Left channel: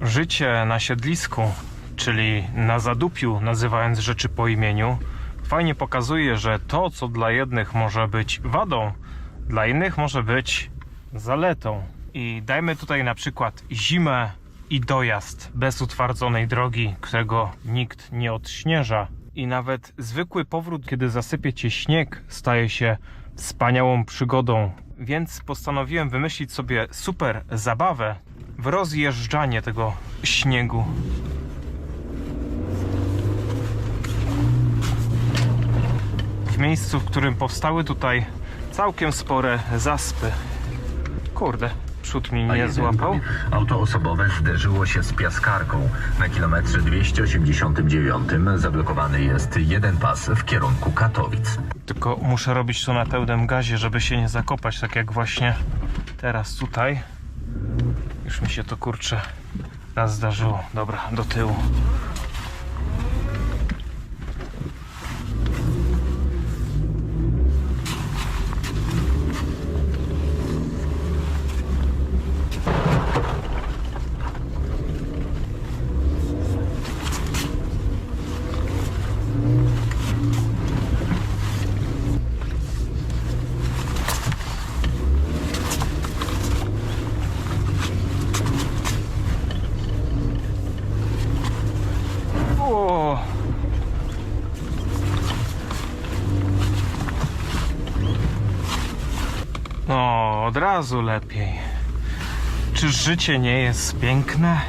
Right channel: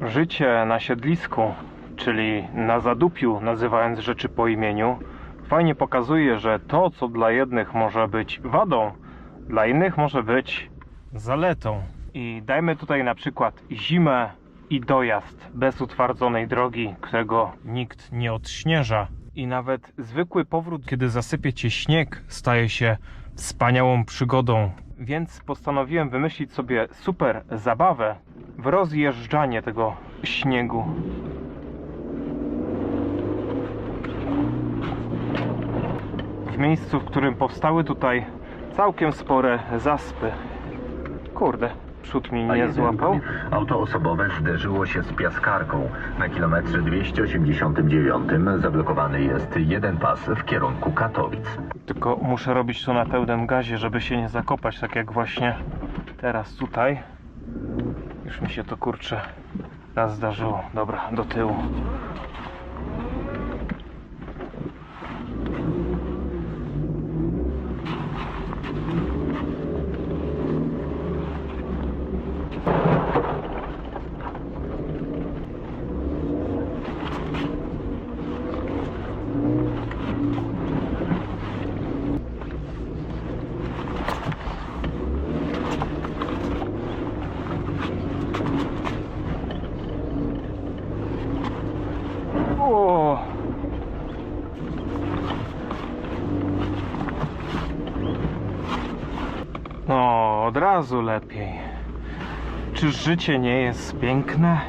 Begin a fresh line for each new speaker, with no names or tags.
Życie na siedlisku, czyli na zadupiu, nazywając rzeczy po imieniu, fajnie pokazuje, że to, co dla jednych może być wadą, dla innych może być zaletą. I dajmy tutaj na przykład zimę i dojazd bez utwardzonej drogi, którego nikt nie odśnieża. I nawet zwykły powrót, kiedy zasypie cię śnieg, staje się wspaniałą przygodą. Więc postanowiłem wymyślić sobie super zabawę w rozjeżdżanie tego śniegu. W miejscu, w którym powstały tutaj całkiem spore zaspy. Kurde, przód mi
A
nie złapał.
Auto osobowe zderzyło się z piaskarką. Na kilometrze 289 zablokowany jest jeden pas w kierunku Katowic.
Tylko muszę robić to na pełnym gazie, żeby się nie zakopać, tak jak właśnie teraz tutaj. Już mi się to kurczę raz zdarzyło. Dobra, do tyłu. No, od razu lepiej. Czy życie nie jest piękne?